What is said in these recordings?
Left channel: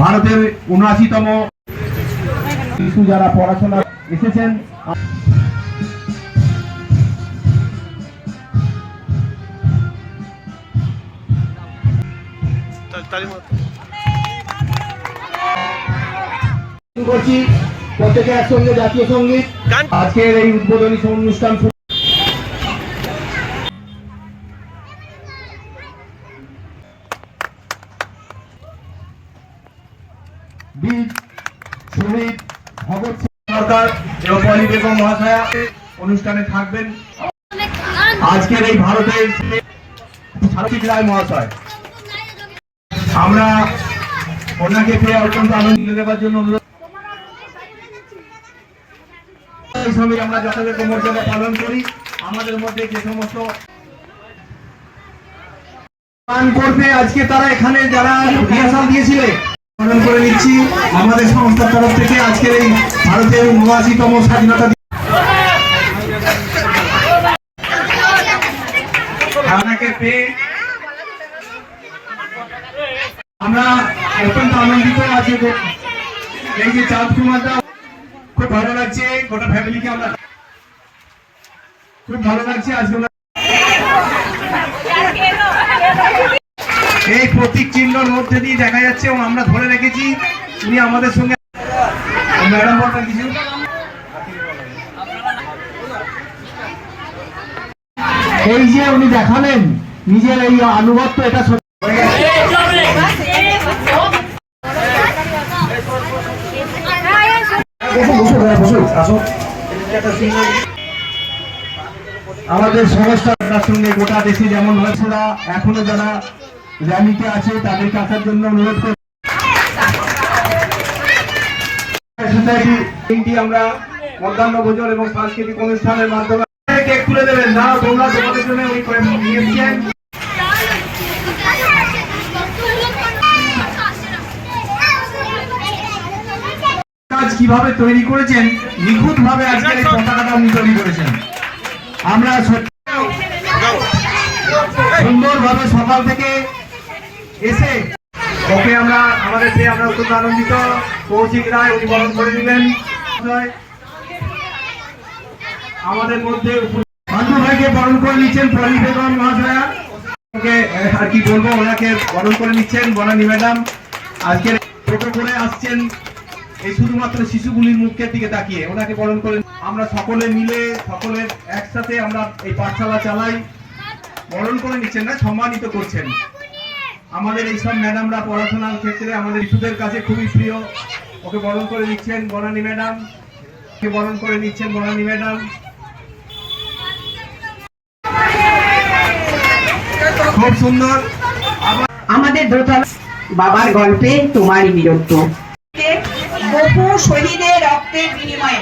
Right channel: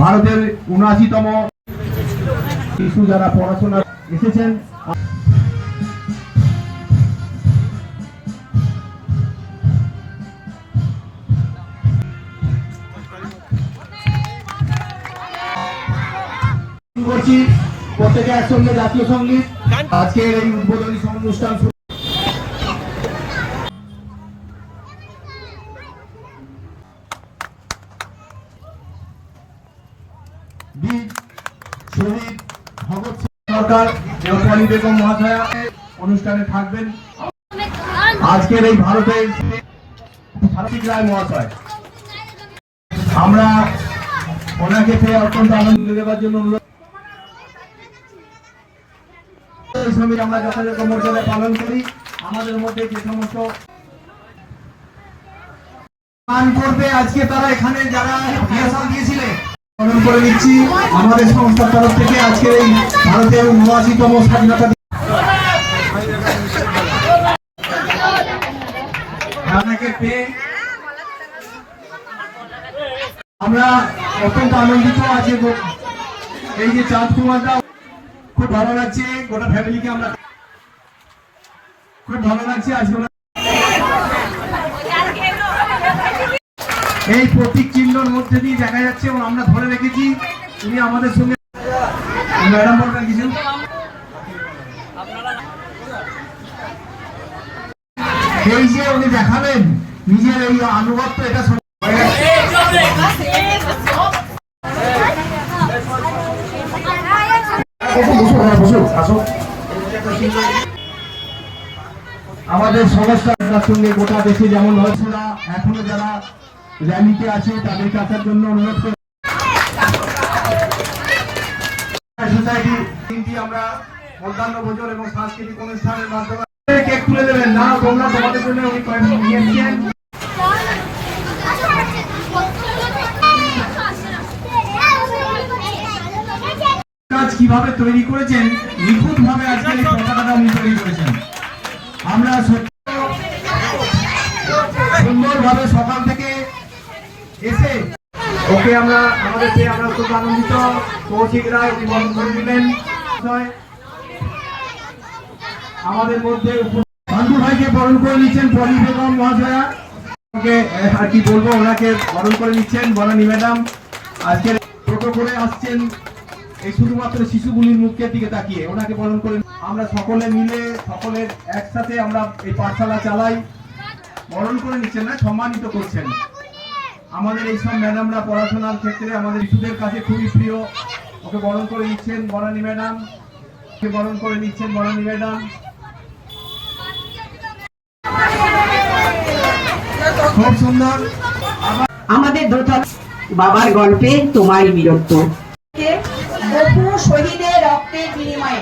ভারতের ৭৯তম শিশু যারা পড়াশোনা এসেছেন। করছি প্রত্যেকে একসঙ্গে জাতীয় সঙ্গীত। আজকের এই উদ্বোধনী অনুষ্ঠান বীর শহীদ ভগৎ সিং সরকার এবং পলি বেগম মহাশয়া অনুষ্ঠানে থাকবেন। আজকের এই ভারতের সারথিক রায় মহাশয়, আমরা ওনাকে পেয়ে অত্যন্ত আনন্দ দেওয়ার জন্য অনুরোধ। এই সময় আমরা যথাযথ মর্যাদা পালন করি। আমাদের মধ্যে যে সমস্ত করবে আজকে তারা এখানে যারা রিহার্সাল দিয়েছিলেন পালন করে নিচ্ছি আমাদের সংস্থার তরফ থেকে। আজকের এই ভারতের ৭৯তম স্বাধীনতা পেয়ে আমরা অত্যন্ত আনন্দিত আছি। এই যে চাঁদ কুমারটা খুব ভালো লাগছে, গোটা ফ্যামিলিকে আমরা খুব ভালো লাগছে। আজকে এই প্রতীক চিহ্নের মধ্যে দিয়ে দেখা যাচ্ছে এবং আমরা ধরে রেখেছি উনি আমাদের সঙ্গে। ম্যাডাম বলবেন কিছু? এই যে উনি দেখালেন নিজের এই আনুগত্য, এটা আমাদের সংস্থার সঙ্গে গোটা দেশে যেমন হয়েছে এখনো যারা র্যালিতে আছে তাদেরকে আসার জন্য অনুরোধ করি। আমরা মধ্যাহ্ন ভোজন এবং সাংস্কৃতিক অনুষ্ঠানের মাধ্যমে কেক তুলে দেবেন না, তোমরা তোমাদের জন্য ওই নিয়েছেন। কিভাবে তৈরি করেছেন, নিখুঁত ভাবে আজকের এই পতাকাটা উনি তৈরি করেছেন। আমরা সুন্দরভাবে সকাল থেকে এসে ওকে আমরা আমাদের পেয়ে আমরা খুব আনন্দিত। কৌশিক রায় উনি বরণ করে দিলেন আমাদের মধ্যে। পান্ডু ভাইকে বরণ করে নিচ্ছেন পলি বেগম মহাশয়া, ওকে আর কি বলবো, ওনাকে বরণ করে নিচ্ছেন বনানী ম্যাডাম। আজকের ছোট করে আসছেন এই শুধুমাত্র শিশুগুলির মুখের দিকে তাকিয়ে ওনাকে বরণ করে। আমরা সকলে মিলে সকলের একসাথে আমরা এই পাঠশালা চালাই। বরণ করে নিচ্ছেন না, সম্মানিত করছেন। আমাদের এইসব ম্যাডামরা পড়াশোনার ক্ষেত্রে আমাদের শিশুদের কাছে খুবই প্রিয়। ওকে বরণ করে নিচ্ছেন বনানী ম্যাডাম, ওকে বরণ করে নিচ্ছেন বনানী ম্যাডাম। খুব সুন্দর। আমাদের দোতলা বাবার গল্পে তোমারই বীরত্ব, বহু শহীদের রক্তের বিনিময়ে।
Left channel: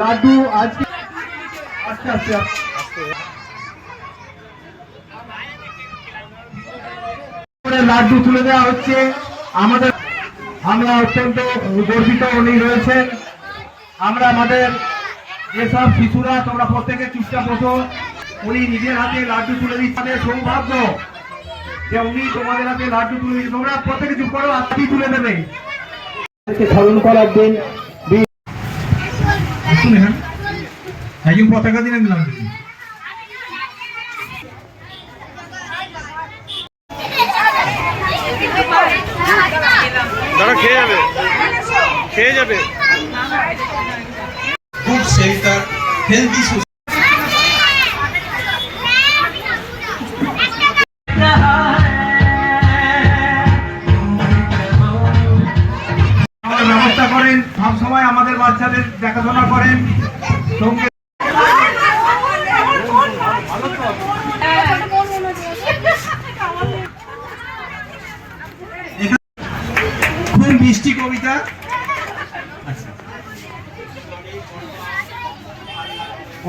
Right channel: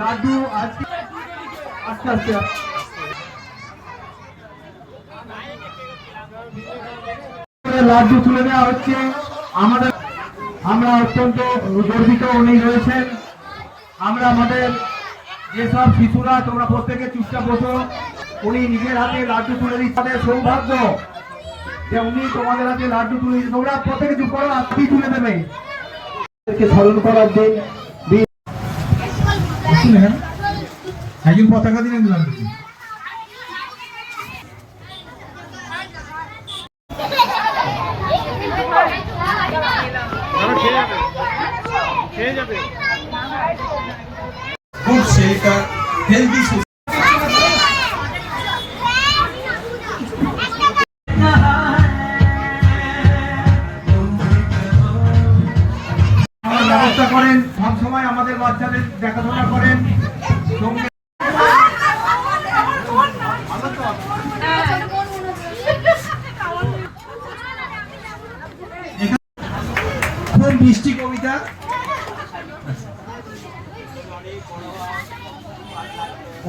লাড্ডু আজকে আস্তে আস্তে লাড্ডু তুলে দেওয়া হচ্ছে আমাদের। আমরা অত্যন্ত গর্বিত উনি রয়েছেন। আমরা আমাদের যেসব শিশুরা, তোমরা প্রত্যেকে চুপচাপ বসো, উনি নিজের হাতে লাড্ডু তুলে দিচ্ছে। সৌভাগ্য যে উনি তোমাদের হাতে লাড্ডু তুলে দিচ্ছে। তোমরা প্রত্যেকে চুপ করো, আজকেই তুলে দেবে। স্মরণ করার দিন একজন পতাকা দিলেন লাড্ডু। খেয়ে যাবে খুব সেটা হেলদি। ব্যবস্থা করেন সবসময়, আমাদের বাচ্চাদের দেখাশোনা করেন। খুব মিষ্টি কবিতা।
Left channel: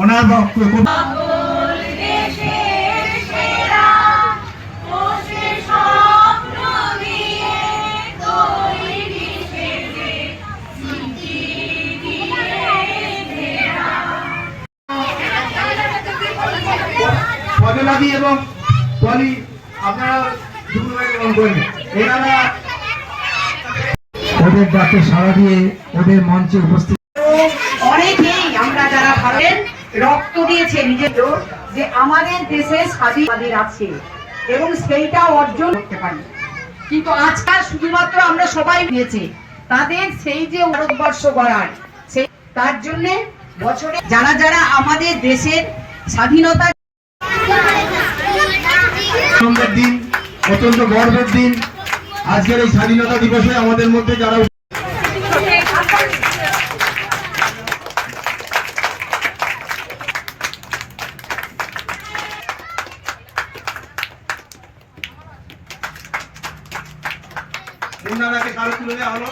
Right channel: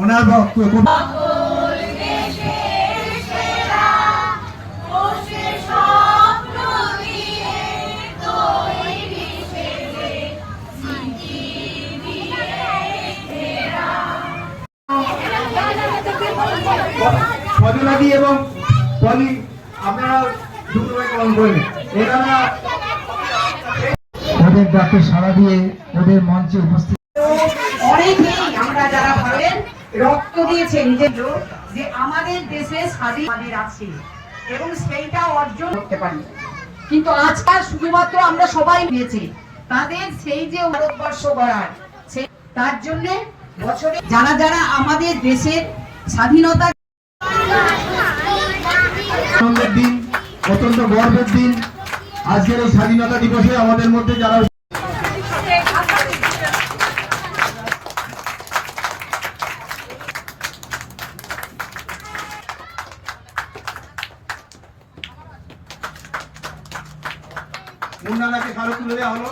ওনার বক্তব্য সজলাদি এবং বলি আপনারা দুপুরবেলা বরণ করে নিন। এনারা ওদের ডাকে সাড়া দিয়ে ওদের মঞ্চে উপস্থিত অনেকেই আমরা যারা ভাবেন রক্ত দিয়েছে নিজের যে আমাদের দেশে স্বাধীন আছে এবং সেইটা অর্জন করতে পারি, কিন্তু আজকাল শুধুমাত্র আমরা সবাই দিয়েছি তাদের সেই যে ভারতবর্ষ গড়ায় সেই তার জন্য বছরে যারা যারা আমাদের দেশের স্বাধীনতা আনন্দের দিন, অত্যন্ত গর্বের দিন। আজকের এই স্বাধীনতা দিবসে আমাদের মধ্যে যারা মুন্নাদাকে কারো তুলে দেওয়া হলো।